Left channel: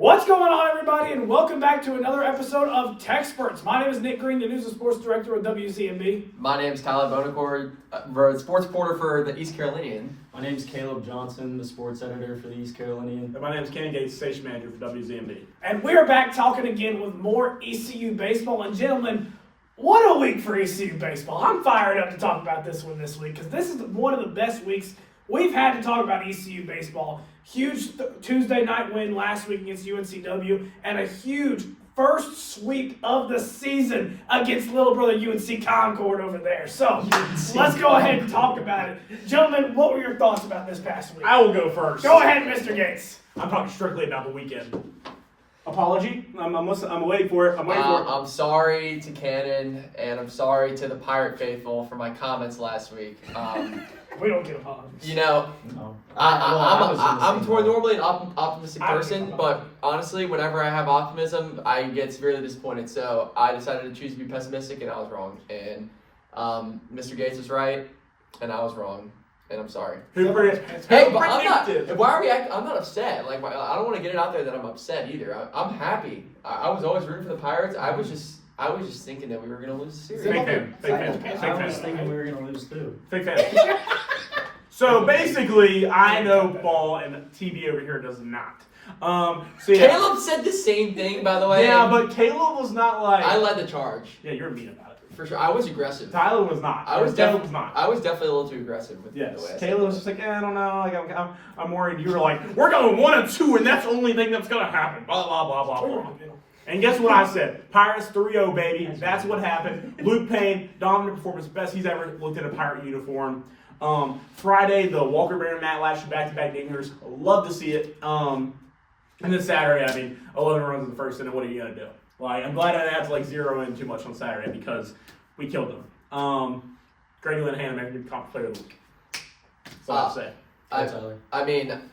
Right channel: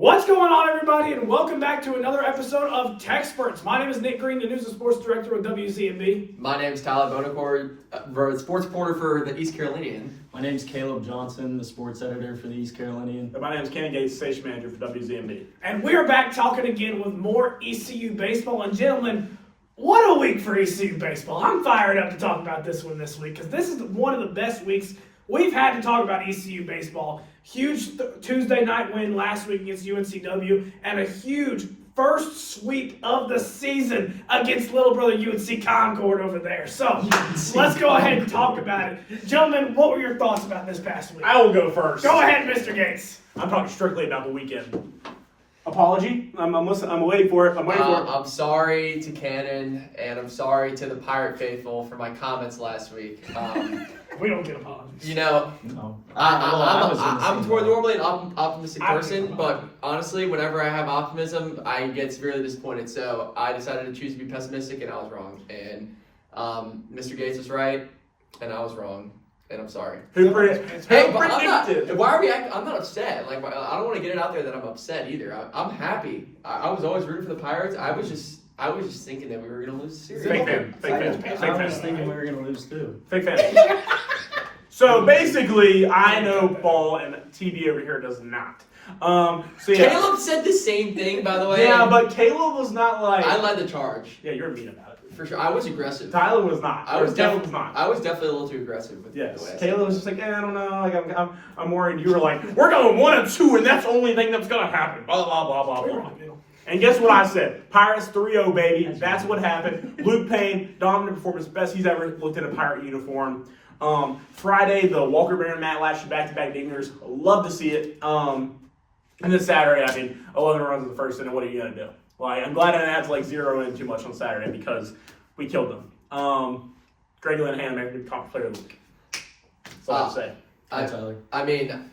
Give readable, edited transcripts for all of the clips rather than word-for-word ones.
What's going on, everybody, and welcome back to another episode of TECSpertZ. My name is Nick Green, the News and Sports Director of WZMB. My name is Tyler Bonacore, sports reporter for the East Carolinian. My name is Caleb Johnson, the sports editor for the East Carolinian. And my name is Ken Gates, station manager for WZMB. And we are back talking again with more ECU baseball. And gentlemen, what a week for ECU baseball. I'm fired up to talk about this one this week because this is one of the best weeks we've had to talk about ECU baseball. Huge Tuesday night win last week against UNCW and a huge first sweep of the season against little brother UNC Concord over there. So let's go ahead and talk about it. Gentlemen, what were your thoughts about this past week? I will go first. Go ahead, Mr. Gates. I'm talking strictly about the weekend. Apology. I'm waiting for it. I'm sorry to Cannon, and I'm sorry to the Pirate faithful for my comments last week. We don't get apologies. You know, No. I'm normally an optimistic person, but honestly, whenever I have optimism, I get severely disappointed. So I decided to choose to be pessimistic, and I was wrong. And Mr. Gates was right, and I was wrong. And I'm sorry. Who predicted? Hey, but I'm not. Why are we acting? I'm not upset. Like, I don't want to get it out there that I'm upset either. I'm happy. I was always rooting for the Pirates. I was just thinking that we were going to lose the series. Fake fan. I was thinking we were going to lose too. Fake fan. So basically, I know ball and TV over here does not. So yeah. Caleb said the same thing, by the way. Yeah, but Caleb was not like. I led the charge. Yeah, you're mean about it. For sure. I was aggressive. Tyler was not. Caleb was not. I was definitely a little too aggressive with Yes. the way. Caleb was just like, I don't know. Like, I'm worried. You were like, we're going 1-2, and that's the only thing that's going to happen. Blah, blah, blah, blah, blah. And guess what I said? Pirates 3-0, baby. That's what happened. Luke Payne, dominant performance, best he's ever looked in a Pirate uniform. Friday, the Walker Bear and Matt Lashley back-to-back dingers. Love to see it. And then Saturday, 11 runs in the first inning. What are you going to do? Like, I'm glad I didn't have to, zero in too much on Saturday because we killed them. Greg Linehan, American Conference Player of the Week. That's all I'll say. Tyler. I mean,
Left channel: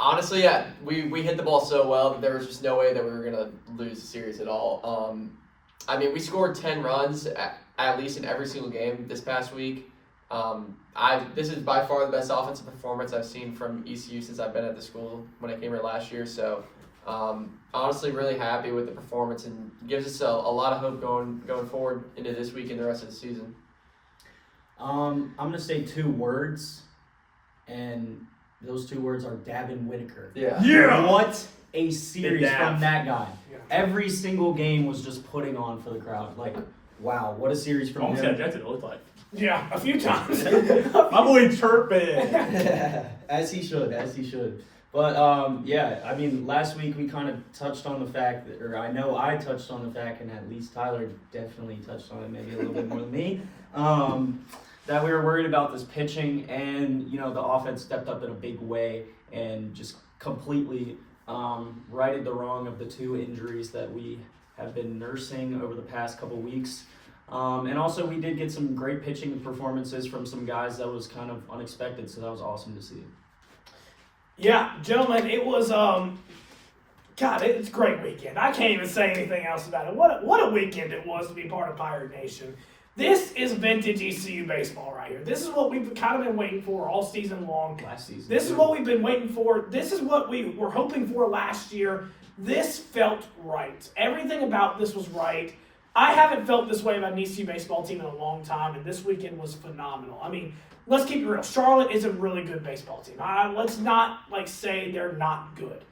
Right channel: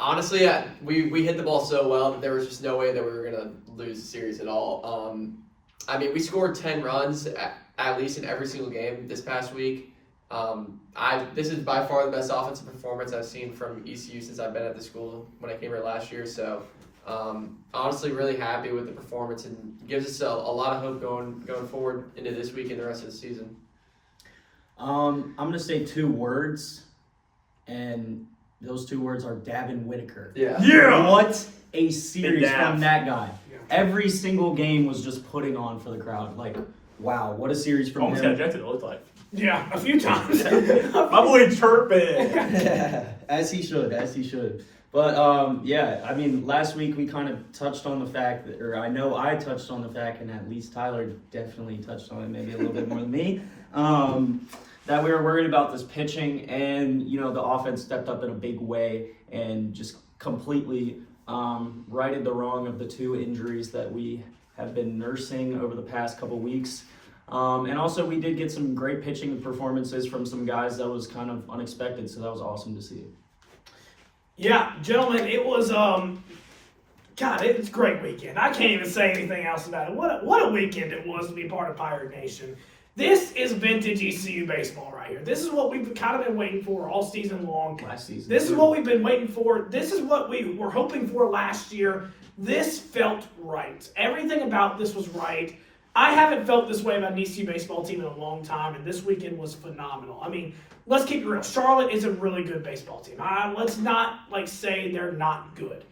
honestly, we hit the ball so well that there was just no way that we were going to lose the series at all. We scored 10 runs at least in every single game this past week. This is by far the best offensive performance I've seen from ECU since I've been at the school when I came here last year. So, honestly, really happy with the performance and gives us a lot of hope going forward into this week and the rest of the season. I'm going to say 2 words, and those 2 words are Davin Whitaker. Yeah. What a series Dav. from that guy. Yeah. Every single game was just putting on for the crowd. Like, wow, what a series from Almost got him. ejected, it looked like. Yeah, a few times. My boy chirping. As he should. But, last week we kind of touched on the fact that, or I know I touched on the fact, and at least Tyler definitely touched on it, maybe a little bit more than me, that we were worried about this pitching, and, the offense stepped up in a big way and just completely righted the wrong of the 2 injuries that we have been nursing over the past couple weeks. And also, we did get some great pitching performances from some guys that was kind of unexpected, so that was awesome to see. Yeah, gentlemen, it was, it's a great weekend. I can't even say anything else about it. What a weekend it was to be part of Pirate Nation. This is vintage ECU baseball right here. This is what we've kind of been waiting for all season long. Last season. This is what we've been waiting for. This is what we were hoping for last year. This felt right. Everything about this was right. I haven't felt this way about an ECU baseball team in a long time, and this weekend was phenomenal. Let's keep it real. Charlotte is a really good baseball team. Let's not say they're not good.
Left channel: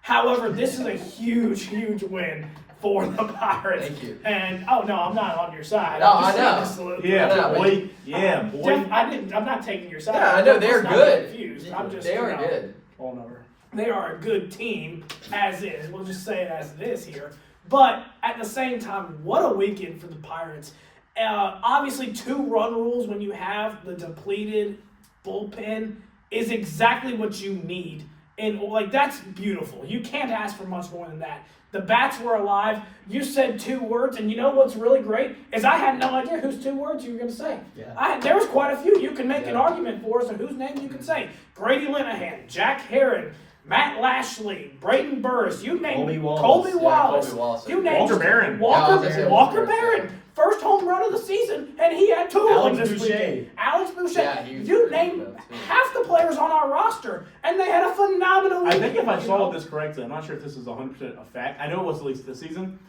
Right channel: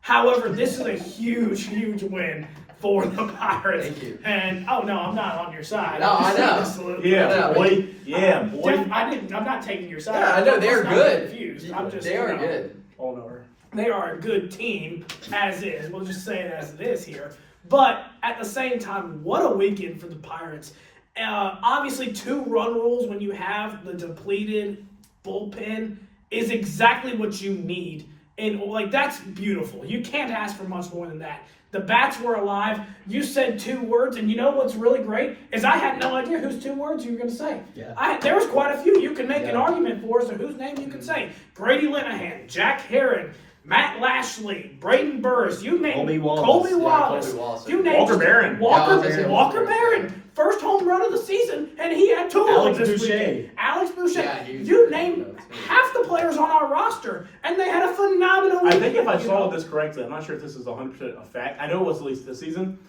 However, this is a huge, huge win for the Pirates. Thank you. And I'm not on your side. No, I'm just I know. saying this a little Yeah, bit. boy. Yeah, boy. I'm not taking your side. Yeah, I know, they're Let's not good. get confused. I'm just, They are good. Hold over. They are a good team as is. We'll just say it as it is here. But at the same time, what a weekend for the Pirates. Obviously, 2-run rules when you have the depleted bullpen is exactly what you need. And that's beautiful. You can't ask for much more than that. The bats were alive. You said 2 words, and you know what's really great is I had no idea whose 2 words you were going to say. Yeah. There was quite a few. You can make an argument for us of whose name you can say. Grady Linehan, Jack Herring, Matt Lashley, Braden Burris, you name Colby Wallace. Colby Wallace. Colby Wallace. You name Walker Barron. Walker Barron. First home run of the season, and he had 2 of Alex them this Boucher. weekend. Alex Boucher. Yeah, you name half the players on our roster, and they had a phenomenal weekend. I think if I saw this correctly, I'm not sure if this is 100% a fact. I know it was at least this season.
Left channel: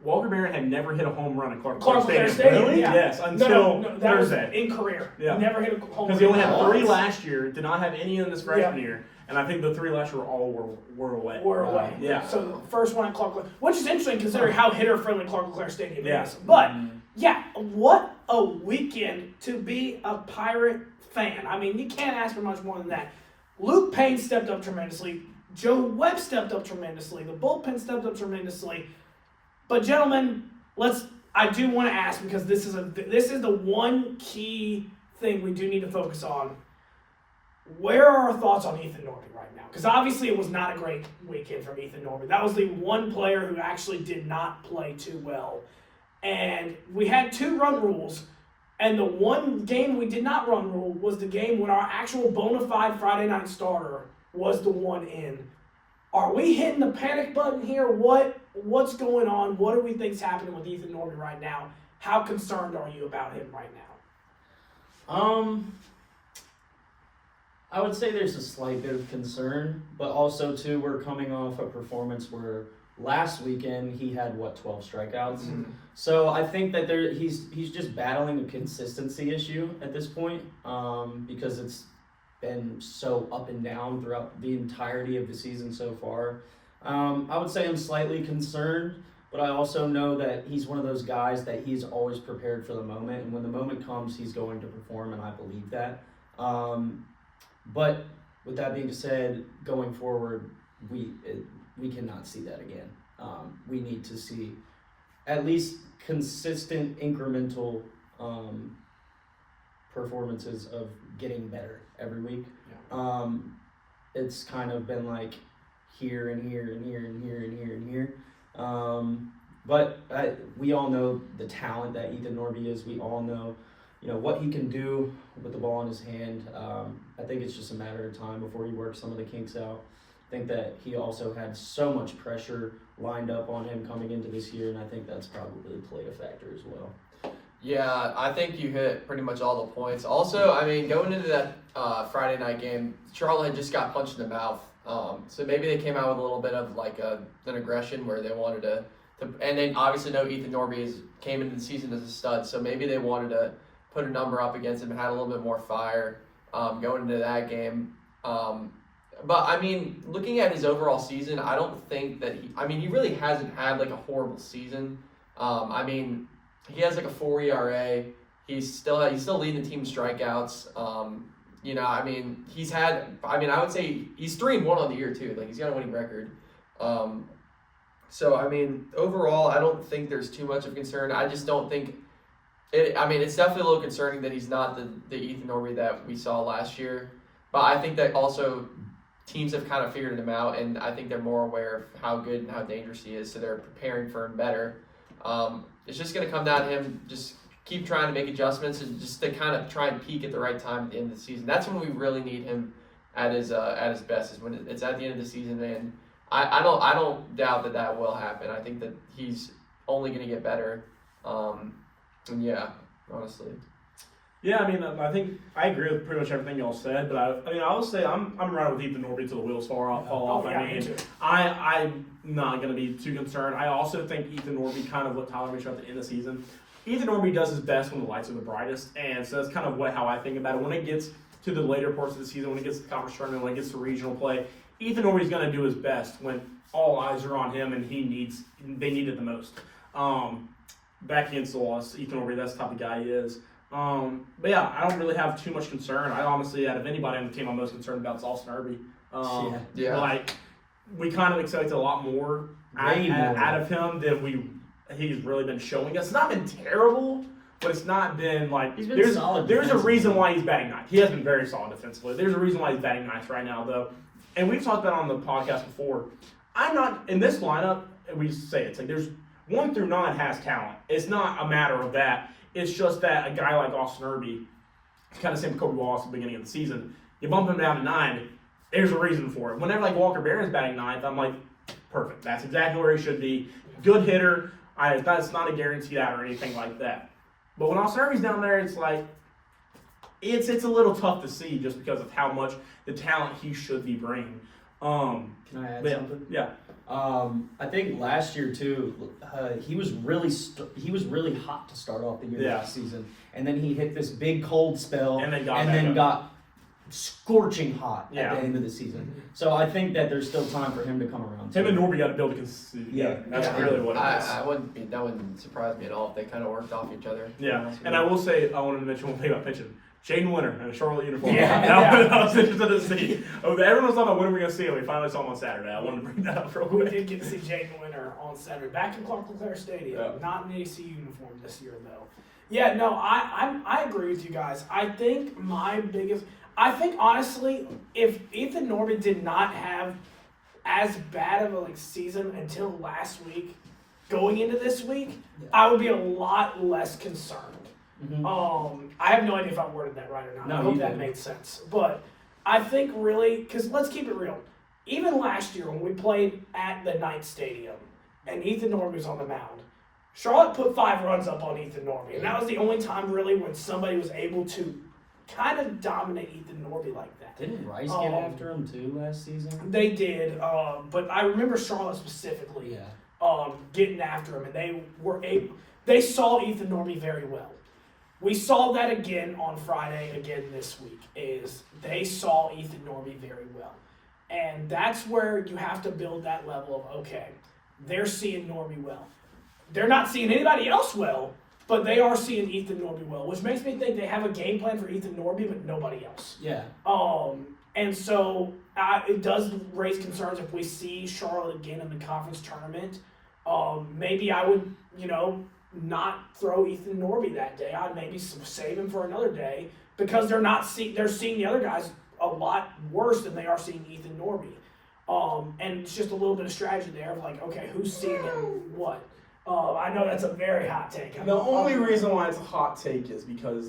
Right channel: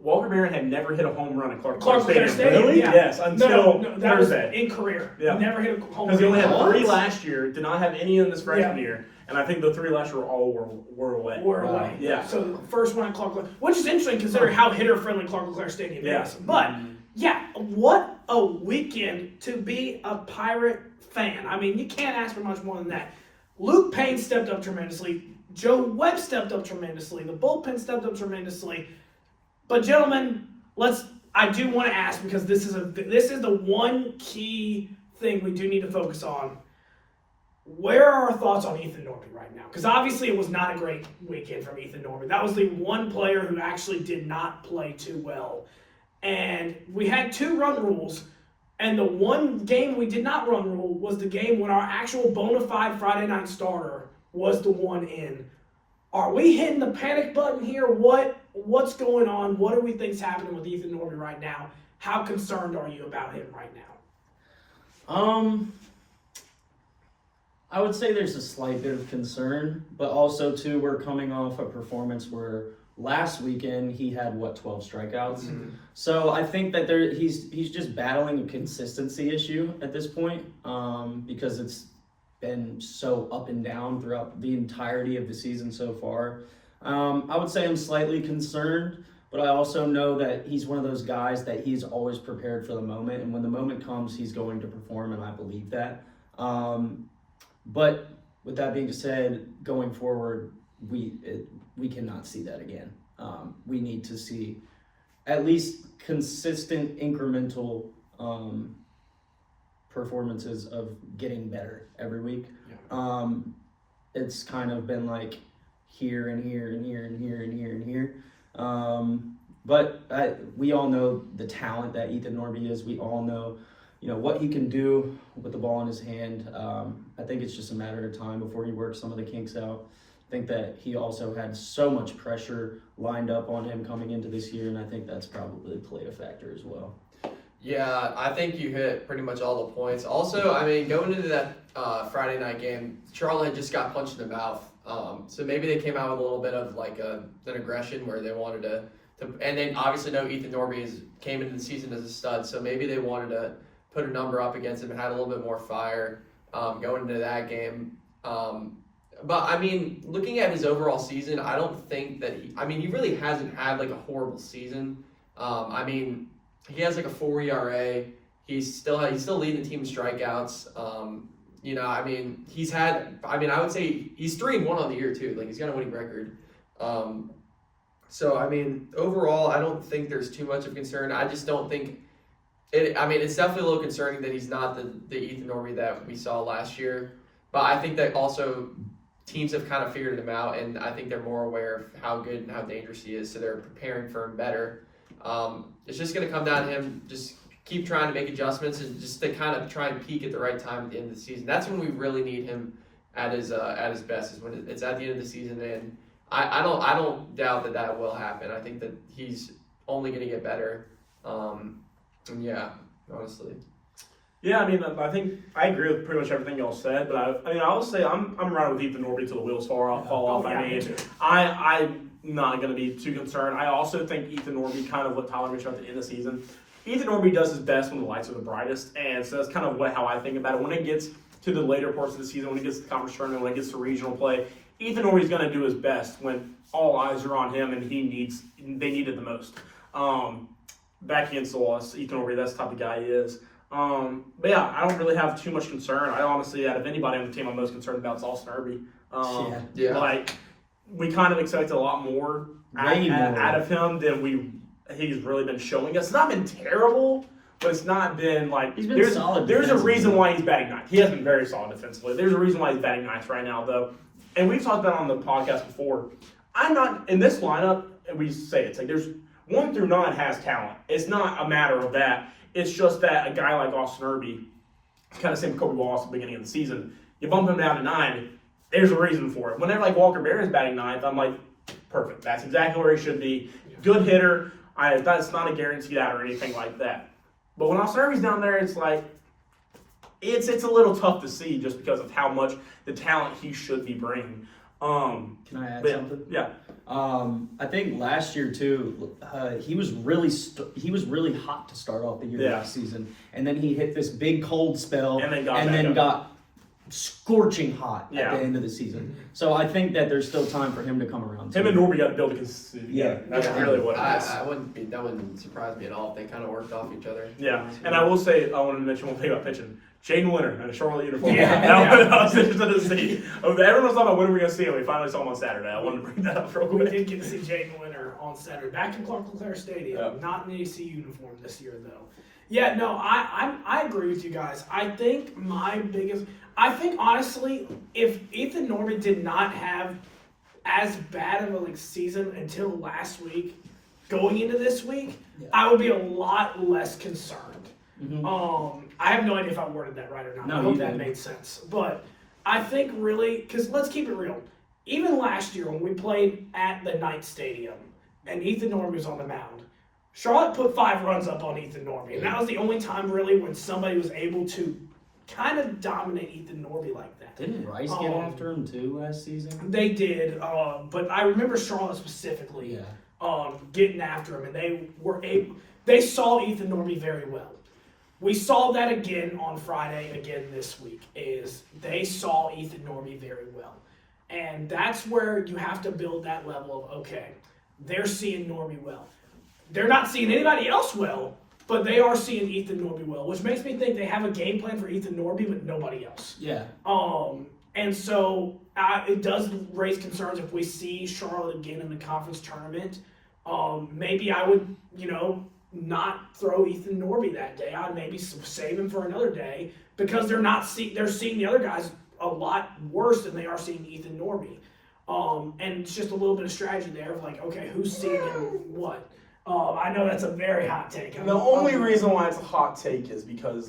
Walker Barron had never hit a home run at Clark Clair Stadium. Really? Yeah. Yes, until No, that was Thursday. in career. Yeah. He never hit a home run. Because he only had What? 3 last year, did not have any in this freshman Yeah. year, and I think the 3 last year were away. We're away. Yeah. So the first one at Clark LeClair, which is interesting considering how hitter-friendly Clark LeClair Stadium Yeah. is. But, yeah, what a weekend to be a Pirate fan. I mean, you can't ask for much more than that. Luke Payne stepped up tremendously. Joe Webb stepped up tremendously. The bullpen stepped up tremendously. But, gentlemen, I do want to ask, because this is the one key thing we do need to focus on. Where are our thoughts on Ethan Norby right now? Because obviously it was not a great weekend from Ethan Norby. That was the one player who actually did not play too well. And we had 2 run rules, and the one game we did not run rule was the game when our actual bona fide Friday night starter was the one in. Are we hitting the panic button here? What's going on? What do we think's happening with Ethan Norby right now? How concerned are you about him right now? I would say there's a slight bit of concern, but also too, we're coming off a performance where last weekend he had 12 strikeouts. Mm-hmm. So I think that he's just battling a consistency issue at this point, because it's been so up and down throughout the entirety of the season so far. I would say I'm slightly concerned, but I also know that he's one of those guys that he's always prepared for the moment, and when the moment comes, he's going to perform, and I believe that. But with that being said, going forward, we cannot see that again. We need to see at least consistent incremental performances of getting better every week. Yeah. It's kind of been like here and here and here and here and here and here. But we all know the talent that Ethan Norby is. We all know, what he can do with the ball in his hand. I think it's just a matter of time before he works some of the kinks out. I think that he also had so much pressure lined up on him coming into this year, and I think that's probably played a factor as well. Yeah, I think you hit pretty much all the points. Also, I mean, going into that Friday night game, Charlotte had just got punched in the mouth. So maybe they came out with a little bit of like an aggression where they wanted to and they obviously know Ethan Norby came into the season as a stud, so maybe they wanted to put a number up against him and had a little bit more fire going into that game. But I mean, looking at his overall season, I don't think that he really hasn't had like a horrible season. I mean, he has like a 4 ERA. He's still leading the team in strikeouts. I would say he's 3-1 on the year too. Like, he's got a winning record. So I mean, overall, I don't think there's too much of concern. I just don't think it. I mean, it's definitely a little concerning that he's not the Ethan Norby that we saw last year. But I think that also teams have kind of figured him out, and I think they're more aware of how good and how dangerous he is, so they're preparing for him better. It's just going to come down to him just keep trying to make adjustments and just to kind of try and peak at the right time at the end of the season. That's when we really need him at his best, is when it's at the end of the season. And I don't doubt that will happen. I think that he's only going to get better. And yeah, honestly. Yeah, I mean, I think I agree with pretty much everything y'all said, but I'll say I'm riding with Ethan Norby till the wheels fall off. Yeah, I mean, I'm not going to be too concerned. I also think Ethan Norby, kind of what Tyler mentioned at the end of the season, Ethan Norby does his best when the lights are the brightest, and so that's kind of how I think about it. When it gets to the later parts of the season, when it gets to the conference tournament, when it gets to regional play, Ethan Norby's going to do his best when all eyes are on him and they need it the most. Back against the loss, Ethan Norby, that's the type of guy he is. But yeah, I don't really have too much concern. I honestly, out of anybody on the team, I'm most concerned about is Austin Irby. Yeah. Like, we kind of expected a lot more out of him than he's really been showing us. It's not been terrible, but it's not been like He's been solid. There's a reason why he's batting ninth. He has been very solid defensively. There's a reason why he's batting ninth right now, though. And we've talked about it on the podcast before. I'm not in this lineup. We say it's like there's 1 through 9 has talent. It's not a matter of that. It's just that a guy like Austin Irby, it's kind of the same with Colby Wallace at the beginning of the season. You bump him down to 9, there's a reason for it. Whenever like Walker Bear is batting ninth, I'm like, perfect. That's exactly where he should be. Good hitter. That's not a guaranteed out or anything like that. But when Alservi's down there, it's like it's a little tough to see just because of how much the talent he should be bringing. Can I add something? Yeah. I think last year too, he was really hot to start off the year last season, and then he hit this big cold spell, And then got scorching hot at the end of the season. So I think that there's still time for him to come around. Him and Norby got to build a consistency. Yeah. That's really what it is. That wouldn't surprise me at all if they kind of worked off each other. Yeah, and I will say, I want to mention one thing about pitching. Jaden Winter in a Charlotte uniform. Yeah. I was interested to see. Everyone was talking about when we're going to see him. We finally saw him on Saturday. I wanted to bring that up real We quick. did get to see Jaden Winter on Saturday, back in Clark LeClaire Stadium. Yeah. Not in the ECU uniform this year, though. Yeah, no, I agree with you guys. I think honestly, if Ethan Norby did not have as bad of a season until last week, going into this week, I would be a lot less concerned. Mhm. I have no idea if I worded that right or not. No, I hope you that did. made sense. But I think really, because let's keep it real. Even last year when we played at the Knight Stadium and Ethan Norby was on the mound, Charlotte put 5 runs up on Ethan Norby. And that was the only time really when somebody was able to kind of dominate Ethan Norby like that. Didn't Rice get after him too last season? They did, but I remember Charlotte specifically getting after him, and they saw Ethan Norby very well. We saw that again on Friday, again this week, is they saw Ethan Norby very well. And that's where you have to build that level of, okay, they're seeing Norby well. They're not seeing anybody else well, but they are seeing Ethan Norby well, which makes me think they have a game plan for Ethan Norby, but nobody else. Yeah. And so it does raise concerns if we see Charlotte again in the conference tournament. Maybe I would, not throw Ethan Norby that day. I'd maybe save him for another day because they're seeing the other guys a lot worse than they are seeing Ethan Norby. And it's just a little bit of strategy there of like, okay, who's seeing him what? I know that's a very hot take. The only reason why it's a hot take is because,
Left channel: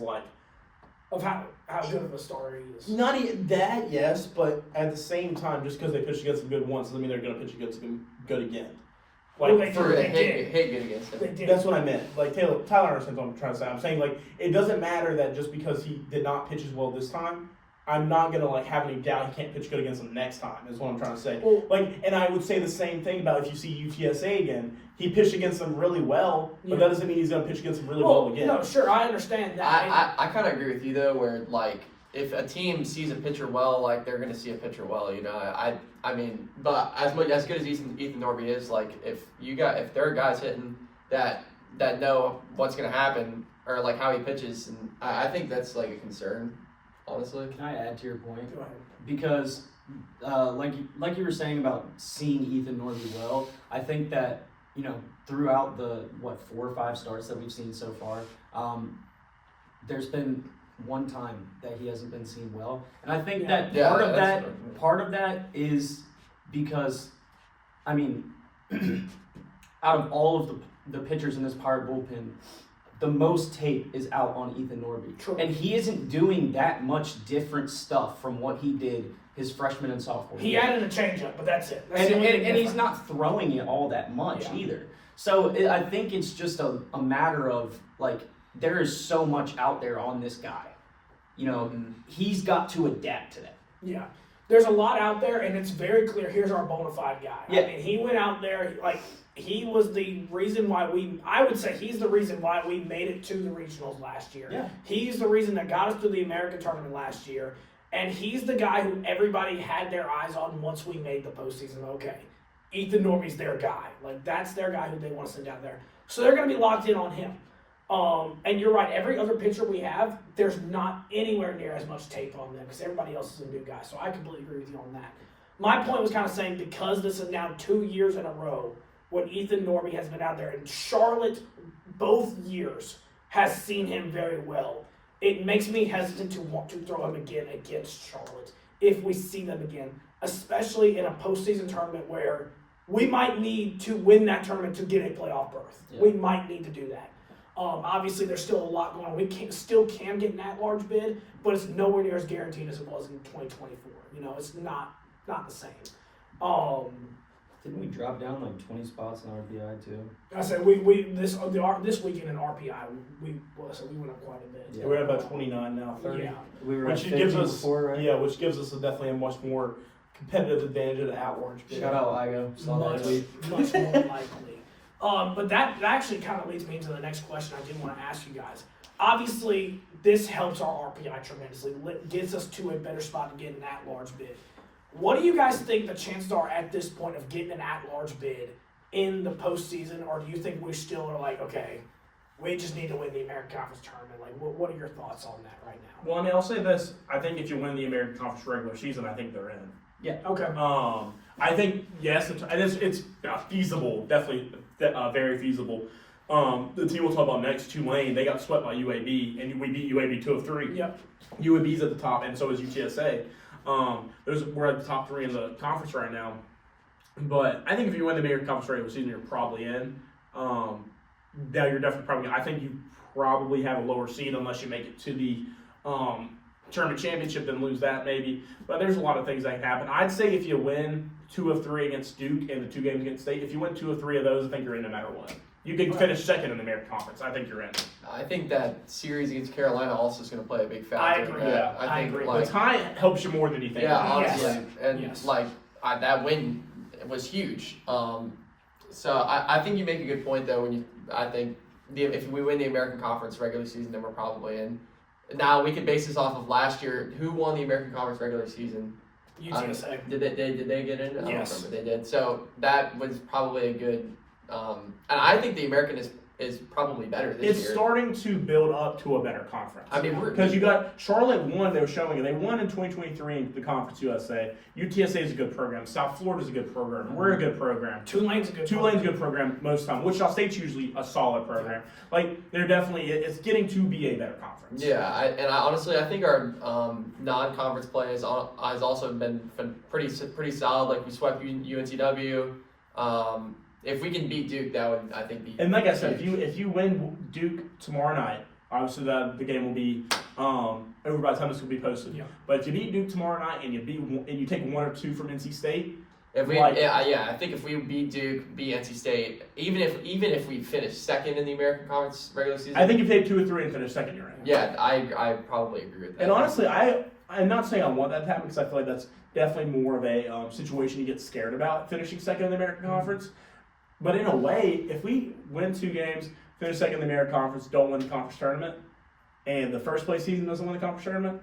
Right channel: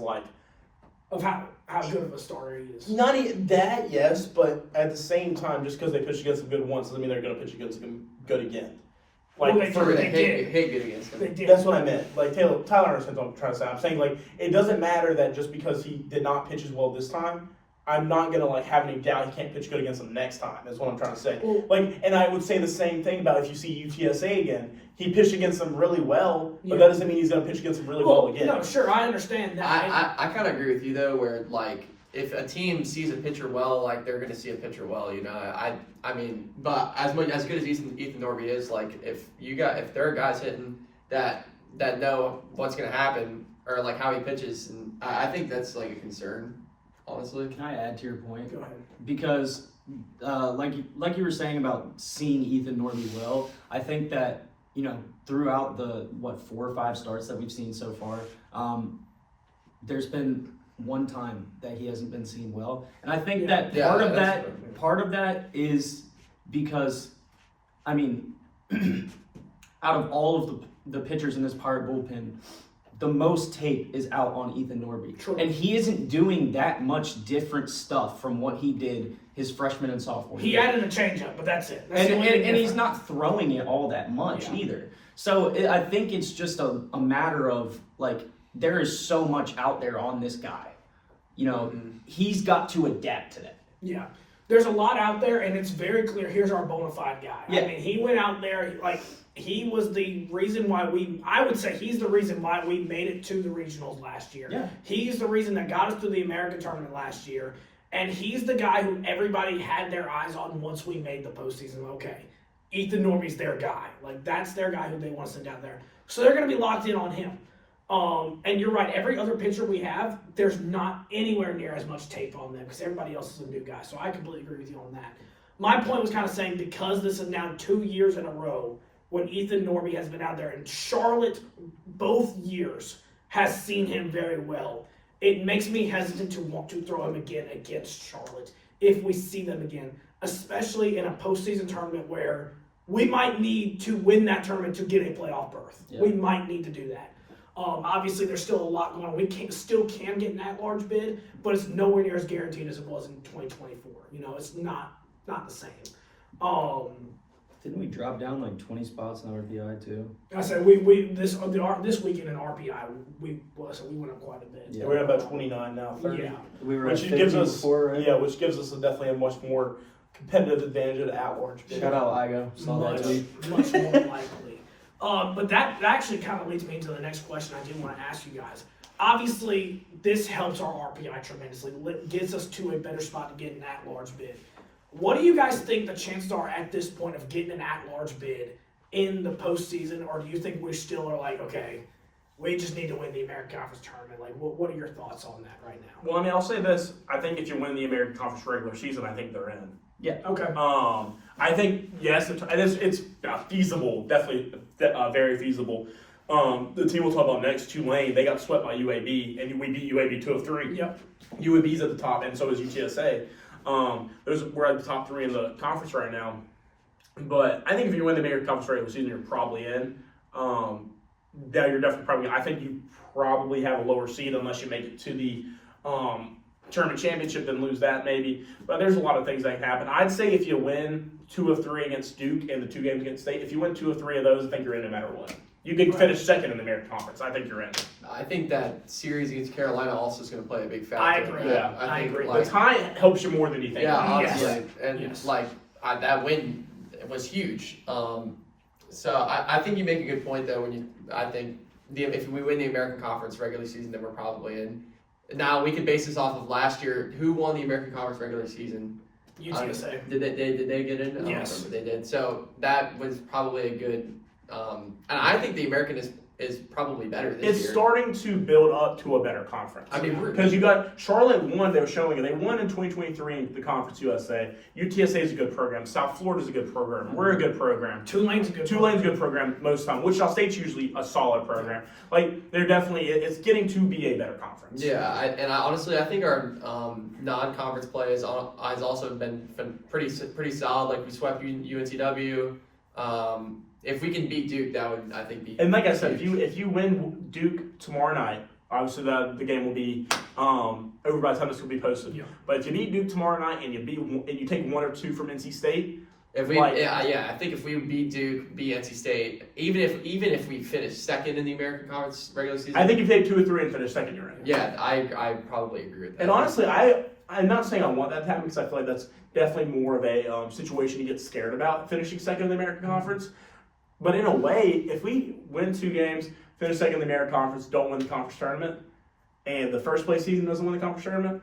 of how good of a starter he is. not that, yes, but at the same time, just because they pitched against him good once doesn't mean they're going to pitch against him good again. Well, they For did. hit good against him. They did. That's what I meant. Tyler understands what I'm trying to say. I'm saying, it doesn't matter that just because he did not pitch as well this time, I'm not going to, have any doubt he can't pitch good against him next time. That's what I'm trying to say. Well, And I would say the same thing about if you see UTSA again. He pitched against them really well, but Yeah. that doesn't mean he's going to pitch against them really well again. No, sure, I understand that. I kind of agree with you though, where if a team sees a pitcher well, they're going to see a pitcher well. I mean, but as good as Ethan Norby is, if there are guys hitting that know what's going to happen or how he pitches, and I think that's a concern, honestly. Can I add to your point? Go ahead. Because, like you were saying about seeing Ethan Norby well, I think that throughout the 4 or 5 starts that we've seen so far, there's been one time that he hasn't been seen well, and I think that part of that is because, I mean, out of all of the pitchers in this Pirate bullpen, the most tape is out on Ethan Norby. True. And he isn't doing that much different stuff from what he did his freshman and sophomore year. He added a changeup, but that's it. That's the only thing And he's different. not throwing it all that much Yeah. either. So I think it's just a matter of, there is so much out there on this guy. He's got to adapt to that. Yeah. There's a lot out there, and it's very clear. Here's our bona fide guy. Yeah. I mean, he went out there, he was the reason why I would say he's the reason why we made it to the regionals last year. Yeah. He's the reason that got us to the American tournament last year, and he's the guy who everybody had their eyes on once we made the postseason. Okay, Ethan Norby's their guy. That's their guy who they want to send down there. So they're going to be locked in on him. And you're right, every other pitcher we have, there's not anywhere near as much tape on them because everybody else is a new guy. So I completely agree with you on that. My point was kind of saying because this is now 2 years in a row when Ethan Norby has been out there, and Charlotte both years has seen him very well, it makes me hesitant to want to throw him again against Charlotte if we see them again, especially in a postseason tournament where we might need to win that tournament to get a playoff berth. Yeah. We might need to do that. Obviously, there's still a lot going on. We still can get an at-large bid, but it's nowhere near as guaranteed as it was in 2024. You know, it's not the same. Didn't we drop down like 20 spots in RPI too? I said this weekend in RPI we went up quite a bit. Yeah. We're at about 29 now, 30. Yeah. We were Which at gives 50 us before, right? Yeah, which gives us definitely a much more competitive advantage of the at-large bid. Shout out Ligo. Saw that tweet. much more likely. But that actually kind of leads me into the next question I do want to ask you guys. Obviously, this helps our RPI tremendously. Gets us to a better spot to get an at-large bid. What do you guys think the chances are at this point of getting an at-large bid in the postseason, or do you think we still are like, okay, we just need to win the American Conference tournament? Like, what are your thoughts on that right now? Well, I mean, I'll say this. I think if you win the American Conference regular season, I think they're in. Yeah. Okay. I think, yes, it's feasible, definitely very feasible. The team we'll talk about next, Tulane, they got swept by UAB, and we beat UAB 2-3. Yep. UAB's at the top, and so is UTSA. We're at the top 3 in the conference right now. But I think if you win the American Conference regular season, you're probably in. Now you're definitely probably. I think you probably have a lower seed unless you make it to the tournament championship and lose that maybe. But there's a lot of things that can happen. I'd say if you win 2 of 3 against Duke and the 2 games against State, if you win 2 of 3 of those, I think you're in no matter what. You could finish second in the American Conference. I think you're in. I think that series against Carolina also is going to play a big factor. I agree. Yeah, I agree. Like, the tie helps you more than you think. yeah, honestly, Yes. and Yes. that win was huge. So I think you make a good point though. If we win the American Conference regular season, then we're probably in. Now we could base this off of last year. Who won the American Conference regular season? UTSA. Did they get in? I don't Yes. remember they did. So that was probably a good. And I think the American is probably better this It's year. starting to build up to a better conference. I mean, because you got Charlotte won. They were showing it. They won in 2023 in the Conference USA. UTSA is a good program. South Florida is a good program. We're a good program. Tulane's a good Tulane's a good program most of the time. Wichita State's usually a solid program. Like they're definitely. It's getting to be a better conference. Yeah, I think our non-conference play has also been pretty solid. Like we swept UNCW. If we can beat Duke, that would, I think, be. And like I said, if you win Duke tomorrow night, obviously the game will be over by the time this will be posted. Yeah. But if you beat Duke tomorrow night and you take 1 or 2 from NC State, I think if we beat Duke, beat NC State, even if we finish second in the American Conference regular season, I think if you take 2 or 3 and finish second, you're in. Yeah, I probably agree with that. And honestly, I'm not saying I want that to happen because I feel like that's definitely more of a situation you get scared about finishing second in the American Conference. But in a way, if we win 2 games, finish second in the American Conference, don't win the conference tournament, and the first place season doesn't win the conference tournament,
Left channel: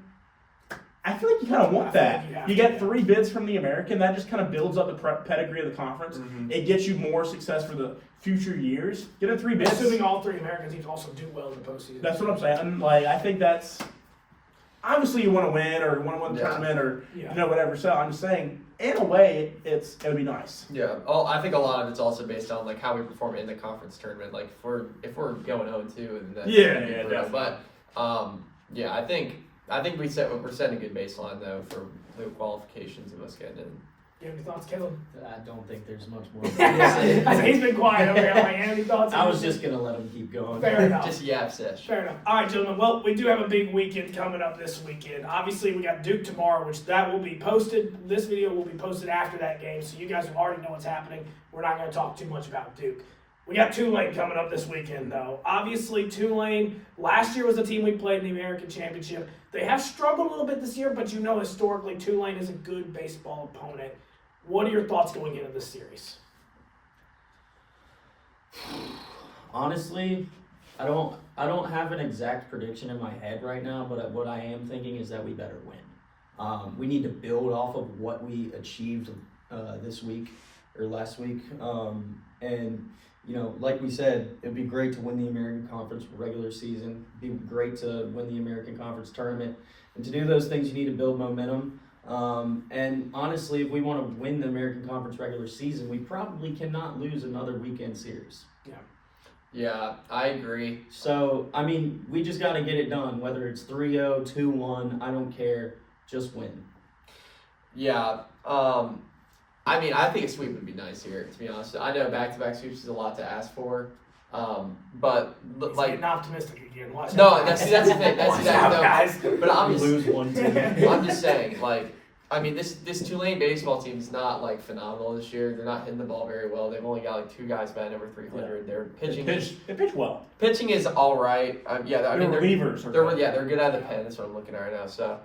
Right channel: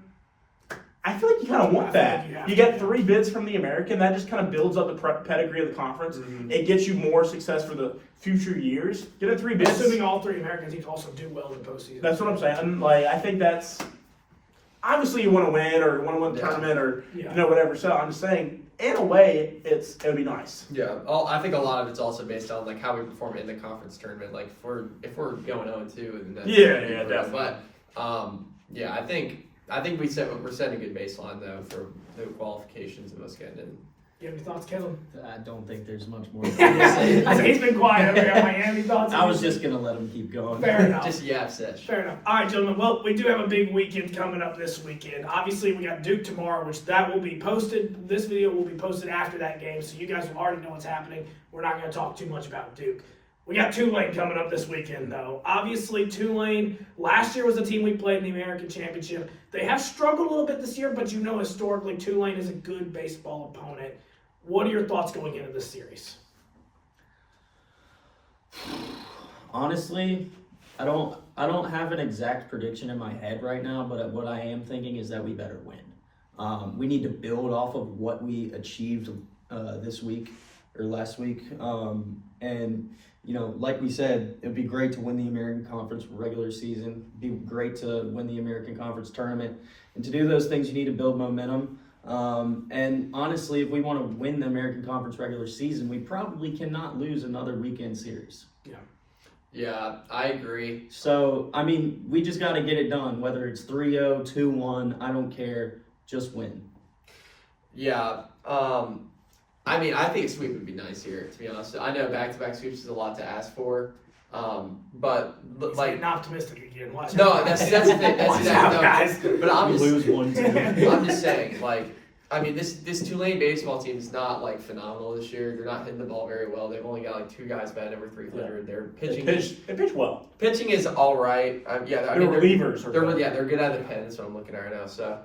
I feel like you kind of want that. You get 3 bids from the American. That just kind of builds up the pedigree of the conference. Mm-hmm. It gets you more success for the future years. Getting 3 bids. Assuming all 3 American teams also do well in the postseason. That's what I'm saying. Like, I think that's obviously you want to win or want to win the tournament or whatever. So I'm just saying, in a way, it would be nice. Yeah, I think a lot of it's also based on like how we perform in the conference tournament. Like if we're going 0-2, then that's definitely. But I think we're setting a good baseline though for the qualifications of us getting in. You have any thoughts, Kevin? I don't think there's much more. I said he's been quiet over here. Like, any thoughts? I was just gonna let him keep going. Fair enough. Just yap sesh. Fair enough. All right, gentlemen. Well, we do have a big weekend coming up this weekend. Obviously, we got Duke tomorrow, which that will be posted. This video will be posted after that game, so you guys will already know what's happening. We're not going to talk too much about Duke. We got Tulane coming up this weekend, though. Obviously, Tulane, last year was the team we played in the American Championship. They have struggled a little bit this year, but you know historically Tulane is a good baseball opponent. What are your thoughts going into this series? Honestly, I don't have an exact prediction in my head right now, but what I am thinking is that we better win. We need to build off of what we achieved this week or last week. And, like we said, it'd be great to win the American Conference regular season. It'd be great to win the American Conference tournament. And to do those things, you need to build momentum. And honestly, if we want to win the American Conference regular season, we probably cannot lose another weekend series. Yeah, I agree. So, we just got to get it done, whether it's 3-0, 2-1, I don't care, just win. Yeah, I think a sweep would be nice here, to be honest. I know back-to-back sweeps is a lot to ask for, But He's like, getting optimistic again. Watch no, out, that's guys. the thing. That's Watch exactly out, guys. But I'm just, lose one team. I'm just saying, like, I mean, this Tulane baseball team is not like phenomenal this year. They're not hitting the ball very well. They've only got like 2 guys batting over 300. Their pitching, They pitch well. pitching is all right. Yeah, I Their mean, relievers are good. they're good out of the pen. That's what I'm looking at right now. So,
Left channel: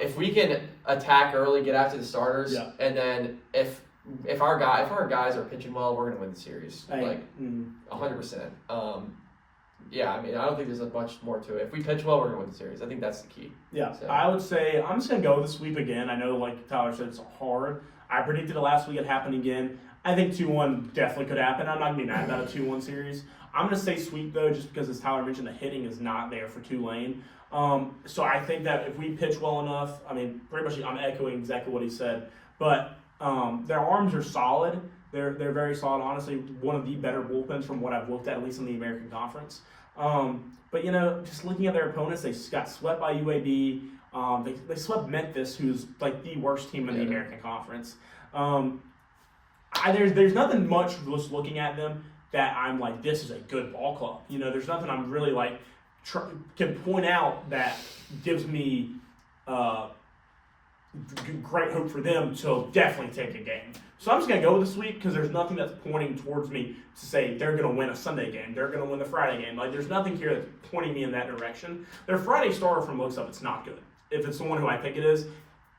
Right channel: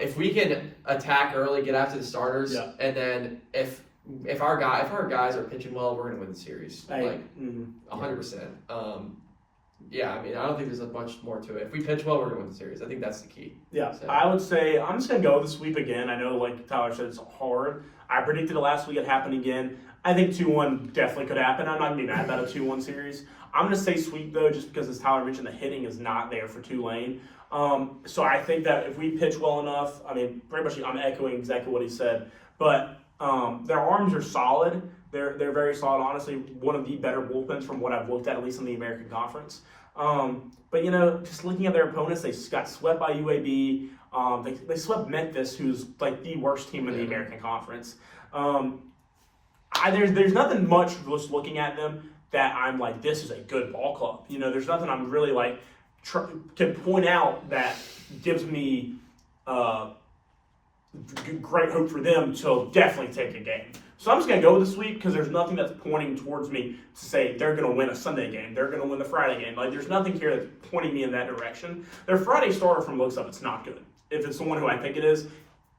if we can attack early, get after the starters, Yeah. and then if our guys are pitching well, we're gonna win the series. Like 100%. Yeah, I mean, I don't think there's much more to it. If we pitch well, we're gonna win the series. I think that's the key. Yeah, So. I would say I'm just gonna go with the sweep again. I know, like Tyler said, it's hard. I predicted it last week. It happened again. I think 2-1 definitely could happen. I'm not gonna be mad about a 2-1 series. I'm gonna say sweep though, just because as Tyler mentioned, the hitting is not there for Tulane. So I think that if we pitch well enough, I mean, pretty much I'm echoing exactly what he said. But their arms are solid. They're very solid. Honestly, one of the better bullpens from what I've looked at least in the American Conference. But just looking at their opponents, they got swept by UAB. They swept Memphis, who's like the worst team in the American Conference. There's nothing much just looking at them that I'm like, this is a good ball club. There's nothing I'm really like can point out that gives me great hope for them to definitely take a game. So I'm just going to go with the sweep because there's nothing that's pointing towards me to say they're going to win a Sunday game. They're going to win the Friday game. Like, there's nothing here that's pointing me in that direction. Their Friday starter from looks up, it's not good. If it's the one who I think it is,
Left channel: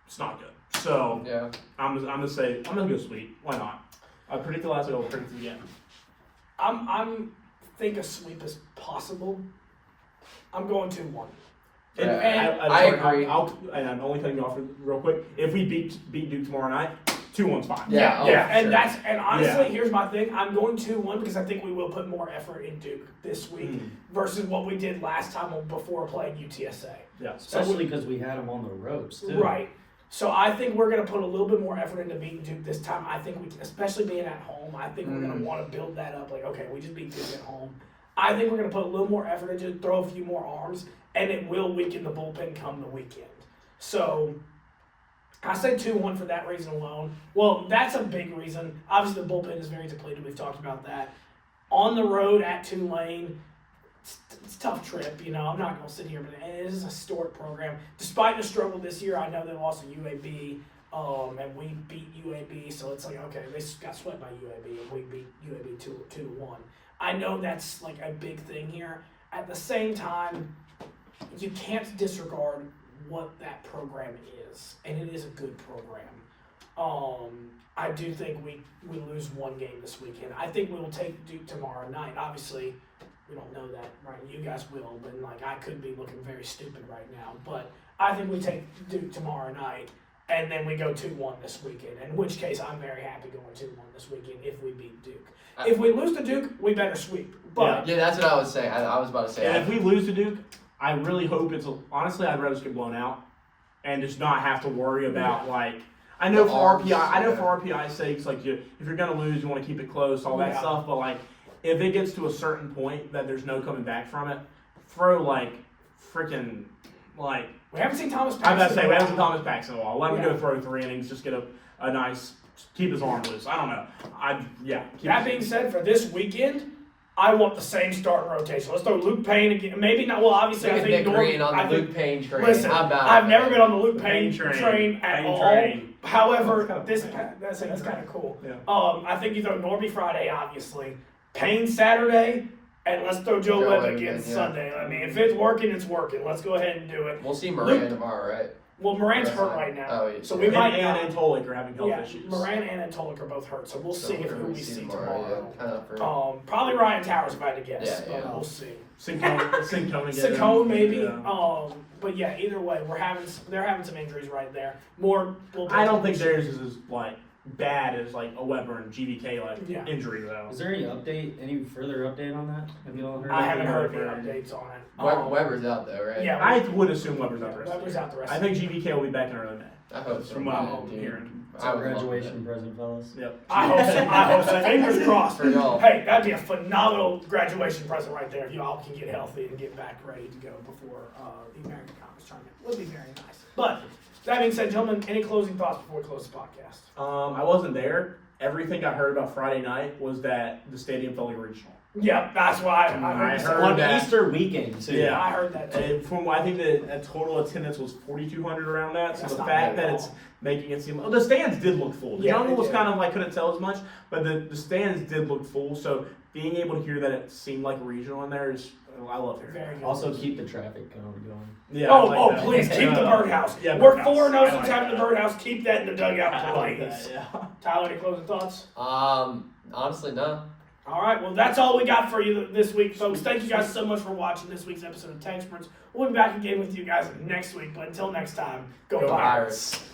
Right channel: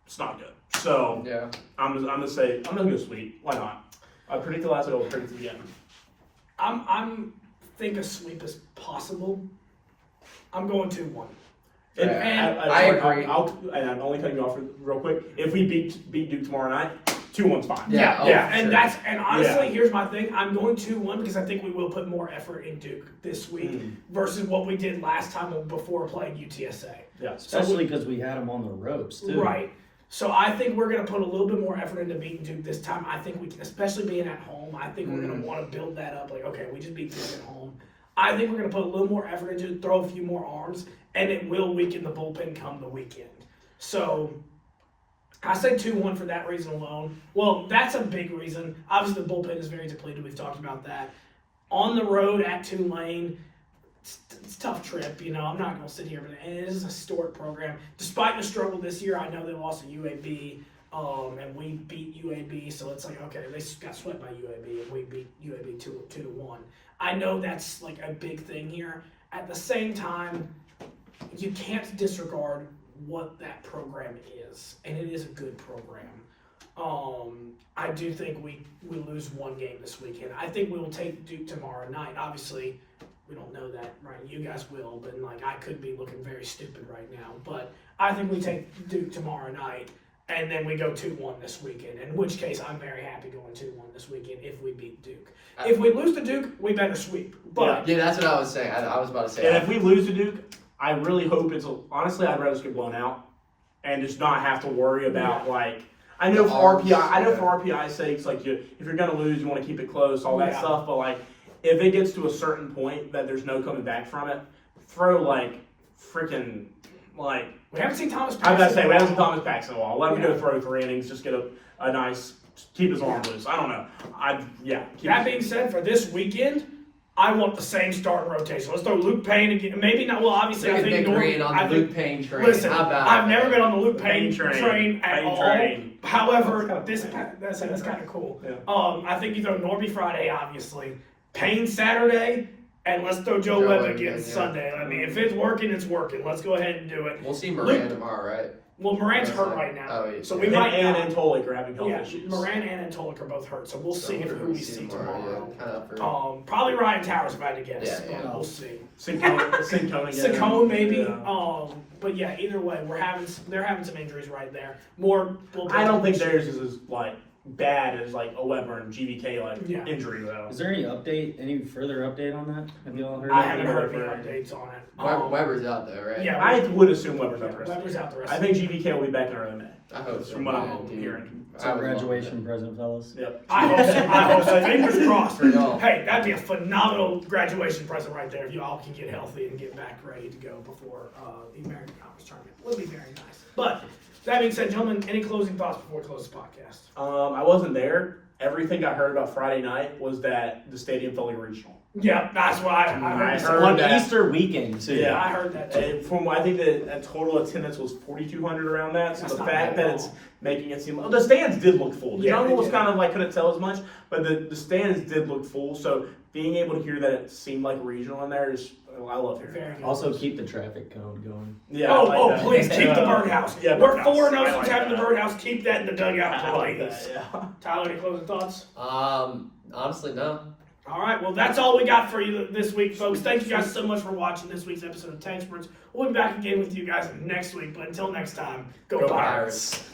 it's not good. So Yeah. I'm going to go sweep. Why not? I predicted last week, I'll predict it again. I'm think a sweep is possible. I'm going 2-1. And, Yeah, and I agree. and I'm only cutting you off real quick. If we beat Duke tomorrow night, 2-1's fine. Yeah, oh, Yeah, sure. and honestly, Yeah. here's my thing. I'm going 2-1 because I think we will put more effort in Duke this week versus what we did last time before playing UTSA. Yeah. Especially because we had them on the ropes, too. Right. So I think we're going to put a little bit more effort into beating Duke this time. I think especially being at home, I think we're going to want to build that up. Like, okay, we just beat Duke at home. I think we're going to put a little more effort into it, throw a few more arms, and it will weaken the bullpen come the weekend. So I say 2-1 for that reason alone. Well, that's a big reason. Obviously, the bullpen is very depleted. We've talked about that. On the road at Tulane, it's a tough trip. I'm not going to sit here, but it is a historic program. Despite the struggle this year, I know they lost to UAB, and we beat UAB. So it's like, okay, they got swept by UAB, and we beat UAB 2-1. I know that's like a big thing here. At the same time, you can't disregard what that program is, and it is a good program. I do think we lose one game this weekend. I think we will take Duke tomorrow night. Obviously, we don't know that, right? You guys will, but I could be looking very stupid right now. But I think we take Duke tomorrow night, and then we go 2-1 this weekend. In which case, I'm very happy going 2-1 this weekend if we beat Duke. If we lose to Duke, we better sweep. But Yeah, that's what I was saying. I was about to say. And if we lose to Duke, I really hope honestly, I'd rather just get blown out and just not have to worry about I know for RPI's sakes, like if you're gonna lose, you want to keep it close, all that stuff. But if it gets to a certain point that there's no coming back from it, throw freaking we haven't seen Thomas Paxton. I was about to say we haven't seen Thomas Paxton in a while. Let him go throw 3 innings, just get a nice keep his arm loose. I don't know. That being said, for this weekend, I want the same starting rotation. Let's throw Luke Payne again. Maybe not. Well, obviously, I think Green on the Luke Payne train. Listen, How about I've never that? been on the Luke Payne train at all. Train. However, That's that's kind of cool. Yeah. I think you throw Norby Friday, obviously, Payne Saturday, and let's throw Joe Webb again Sunday. I mean, if it's working, it's working. Let's go ahead and do it. We'll see Moran tomorrow, right? Well, Moran's hurt right now, Oh, yeah. so we might and not. Tolik are having health Yeah, issues. Moran and Antolik are both hurt, so we'll see who we see tomorrow. Yeah, kind of for, Probably Ryan Towers, if I had to guess. Yeah, But we'll see. Sincone again. Sincone maybe. Yeah. But yeah, either way, they're having some injuries right there. More. I don't think theirs is as bad as a Weber and GVK injury though. Is there any further update on that? Have you all heard? I haven't heard anything. any updates on it. Weber's out though, right? Yeah, I would assume Weber's out the rest. Weber's out the rest. I think GVK will be back in early May. I hope so. From what Yeah, I'm dude. hearing. It's our graduation present, fellas. Yep. I hope so. Fingers crossed. For y'all. Hey, that'd be a phenomenal graduation present right there if you all can get healthy and get back ready to go before the American Conference tournament. Would be very nice. But that being said, gentlemen, any closing thoughts before we close the podcast? I wasn't there, everything I heard about Friday night was that the stadium felt like a regional. Yeah, that's why I heard. heard On that. Easter weekend too. Yeah. I heard that too. And from I think the total attendance was 4,200 around that. So That's the not fact bad that at it's all. making it seem the stands did look full. The Yeah, jungle they was did. kind of like couldn't tell as much, but the stands did look full. So being able to hear that it seemed like regional in there is I love hearing. Very That. good. Also keep the traffic code going. Yeah. I like that. Please keep the birdhouse. Yeah, We're birdhouse. 4-0 I since like having the that. birdhouse. Keep that in the dugout, I like please. that, yeah. Tyler, any closing thoughts? Honestly, no. All right, well, that's all we got for you this week, folks. Thank you guys so much for watching this week's episode of TECSpertZ. We'll be back again with you guys next week, but until next time, go Go Pirates. Pirates.